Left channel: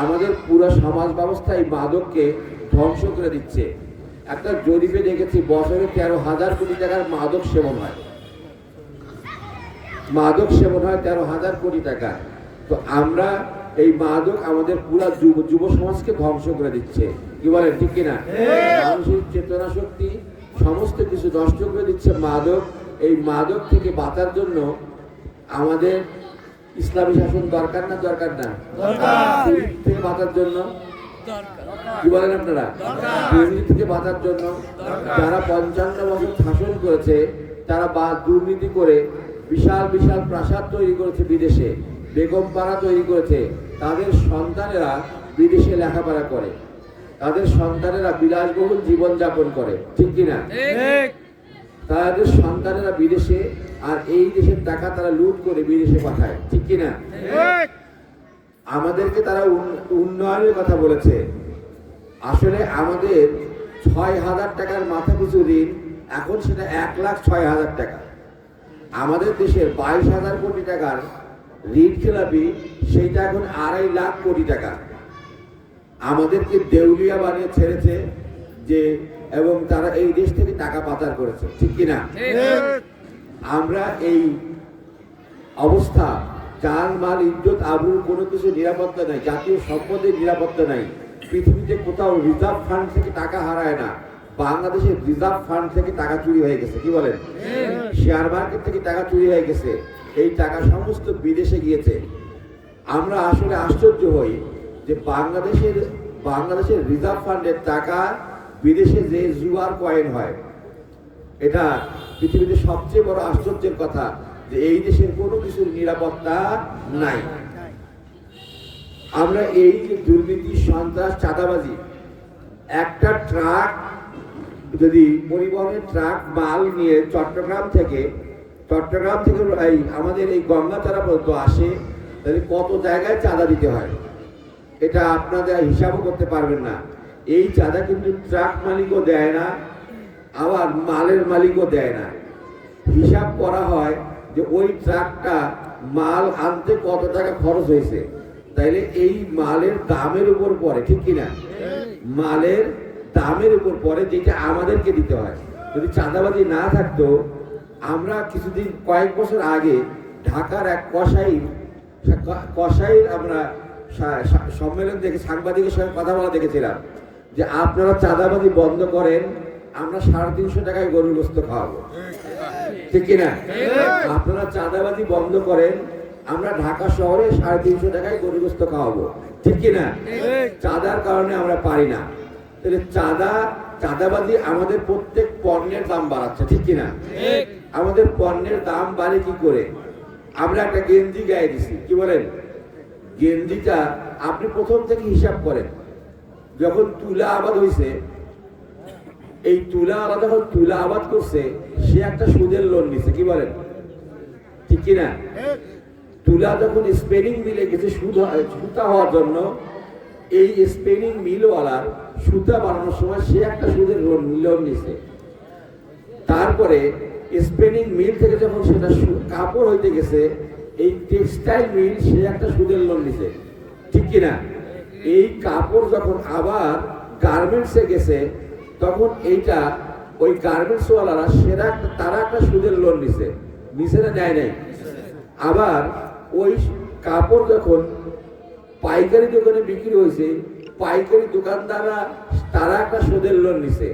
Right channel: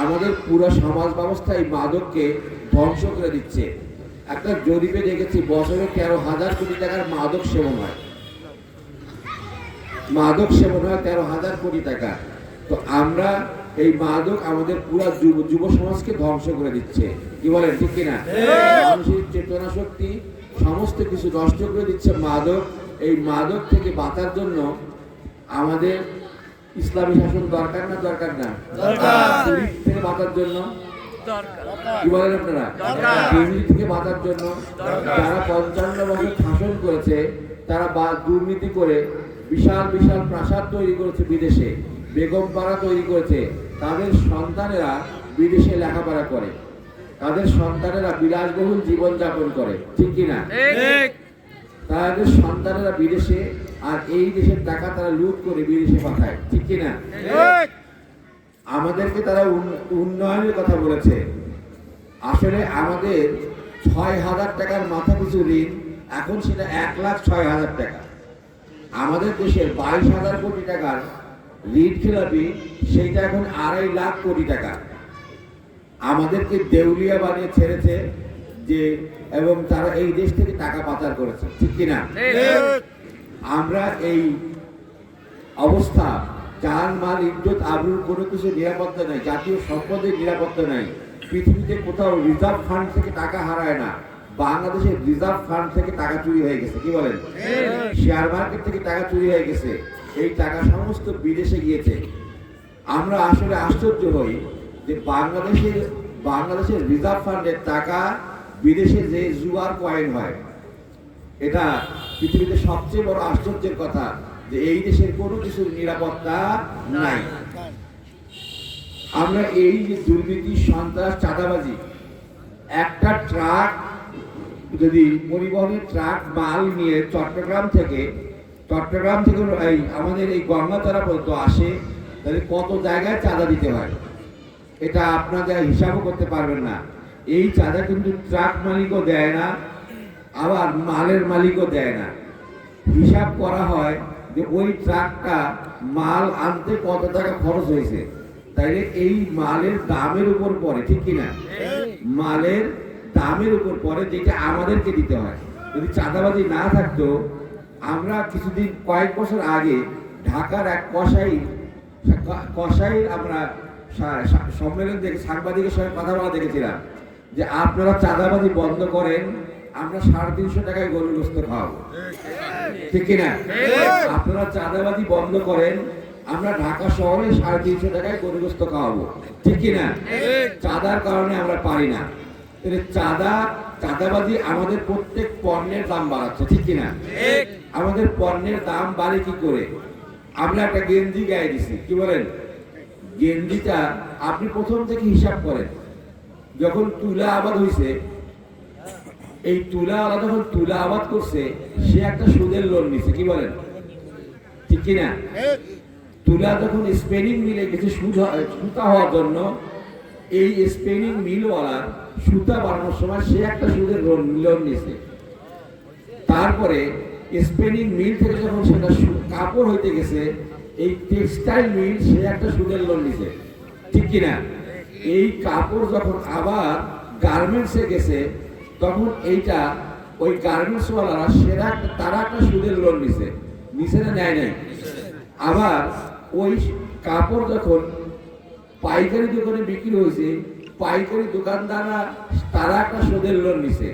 আমাদের পুরো সমাজ ব্যবস্থা এই মাদককে ধ্বংস করে দিচ্ছে। একটা জরিপে দেখেছি বছরে 13,000 কোটি টাকার মাদক সেবন হয়। মাদক সেবন হয় 13,000 কোটি টাকা। তো আমরা এই মাদক আমাদের পুরো যুব সমাজকে ধ্বংস করে দিচ্ছে। কি বলেন, ঠিক কিনা? মানুষের চেতনা শক্তি সমস্ত কিছু নষ্ট করে দিচ্ছে মাদক। এই মাদক থেকে বাঁচার জন্য আমাদের ইসলামী শাসন দরকার না দরকার না? থেকে বাঁচার জন্য কি বলেন আপনারা? দুর্নীতি থেকে বাঁচার জন্য যারা 55 বছর শাসন করেছে, তারা দুর্নীতি করে বিশাল বিশাল প্রাসাদ তৈরি করেছে বিদেশে, বেগম পাড়া তৈরি করেছে। তাদের সন্তানেরা বিদেশে লেখাপড়া করে, তাদের সন্তানেরা বিলাসবহুল জীবন যাপন করে, ঠিক কিনা? তাদের সন্তানেরা বিদেশে, আর এই দেশের টাকা তারা লুট করে বিদেশে পাঠায়, ঠিক কিনা? আমাদেরকে তারা উন্নয়নের কথা বলেছে। আসলে আমাদের 6,000 টাকার মাথা পিছু ঋণ, এখন সেটা 1,06,000 টাকা। আমাদের দেশের 22,000 কোটি টাকার ঋণ খেলাপি, সেইটা এখন 2.5 লাখ কোটি টাকা। আমাদেরকে দেউলিয়া বানিয়ে ছেড়েছে যে, এবং তারা এই দেশ থেকে টাকা পাচার করেছে, ঠিক কিনা? আমরা এই অবস্থা, যার মাল ইজ্জত আবরুর কোনো কিছু নিরাপত্তা নাই, জাতীয় সম্পদের নিরাপত্তা নাই। পৃথিবীতে কোথাও রিজার্ভ ফান্ড থেকে টাকা হারায় না, বাংলাদেশের রিজার্ভ ফান্ড থেকে টাকা চুরি হয়ে গেছে। কি বলেন? শেয়ার মার্কেট থেকে টাকা চুরি হয়ে গেছে, এই টাকা সমস্ত বিদেশে গিয়েছে। আমরা আসলে আশ্চর্য হই যে বাংলাদেশের রিজার্ভ ফান্ডের টাকা বিদেশে যে জুয়ার কয়েন হয়, এটা পৃথিবীতে সবচেয়ে বড় আশ্চর্যের কথা যে এই দেশের কোনো কিছুর নিরাপত্তা নাই। আমরা এই যে দুর্নীতি, সন্ত্রাস, চাঁদাবাজি, একটা ট্রাক যদি পরিবহনের ট্রাক মাল নিয়ে চট্টগ্রাম থেকে আমাদের এই গঙ্গাচড়া পর্যন্ত আসে, তাহলে কত জায়গায় চাঁদা দিতে হয়, এটা আপনারা হিসাবও করতে পারবেন না। এই চাঁদা কিন্তু ট্রাক মালিকও দেয় না, আবার মালের মালিকও দেয় না। হিসাব করা হয় যে ওই ট্রাকটা মাল আনতে কত টাকা খরচ হয়েছে, তাইলে এই মালের দামের উপর পড়ে, ঠিক কিনা? মালের দামের উপর পড়ে, যেটা আমাদেরকে দিতে হয়। যদি চাঁদাবাজি না থাকতো, আমরা কয়েক বছর আগে ঢাকার এক কসাইর আমরা সম্মেলন থেকে সাংবাদিকের সঙ্গে কথা বলা দেখেছিলাম যে আপনারা চাঁদাবাজি বন্ধ করেন, আমরা 350 টাকায় গরুর গোশত খাওয়াবো, ঠিক কিনা? আপনারা চাঁদাবাজি বন্ধ করেন, আমরা ঢাকা শহরে 350 টাকায় গরুর গোশত খাওয়াবো, ঠিক কিনা? চাঁদার কারণে আমরা পারি না। চাঁদাবাজি আমাদের প্রত্যেক পণ্যের দাম বাড়াচ্ছে, ঠিক কিনা? আমাদের পণ্যের দাম বাড়ে কি করে? আমরা একটা গেঞ্জি গায়ে দিছি, কি বলেন? গেঞ্জিটা আপনি প্রথম থেকে হিসাব করেন, যখন তুলা আবাদ হয়েছে, এই তুলাওয়ালা যখন তুলা আবাদ করছে, সে একটা সুদের লোন নিছে, কি বলেন, ঠিক কিনা? তুলা যখন স্পিনিং মিলে গেছে সুতা হওয়ার জন্য, এই স্পিনিং মিলওয়ালার সুতা বানানোর সময় সে একটা সুদের লোন নিছে। তারপরে স্পিনিং মিল থেকে যখন সেটা কাপড় হইতে গেছে, এই টেক্সটাইল মিল সে একটা সুদের লোন নিছে, ঠিক কিনা? এই কাপড় যখন আবার গার্মেন্টসে গেছে, তখন এইটা ওই গার্মেন্টসওয়ালারা তারা একটা সুদের লোন নিছে না, নেয় নাই? আবার ওই কাপড় যখন পাইকারি দোকানে বিক্রি হয়েছে, পাইকারি দোকানদাররা তারা একটা সুদের লোন নিছে।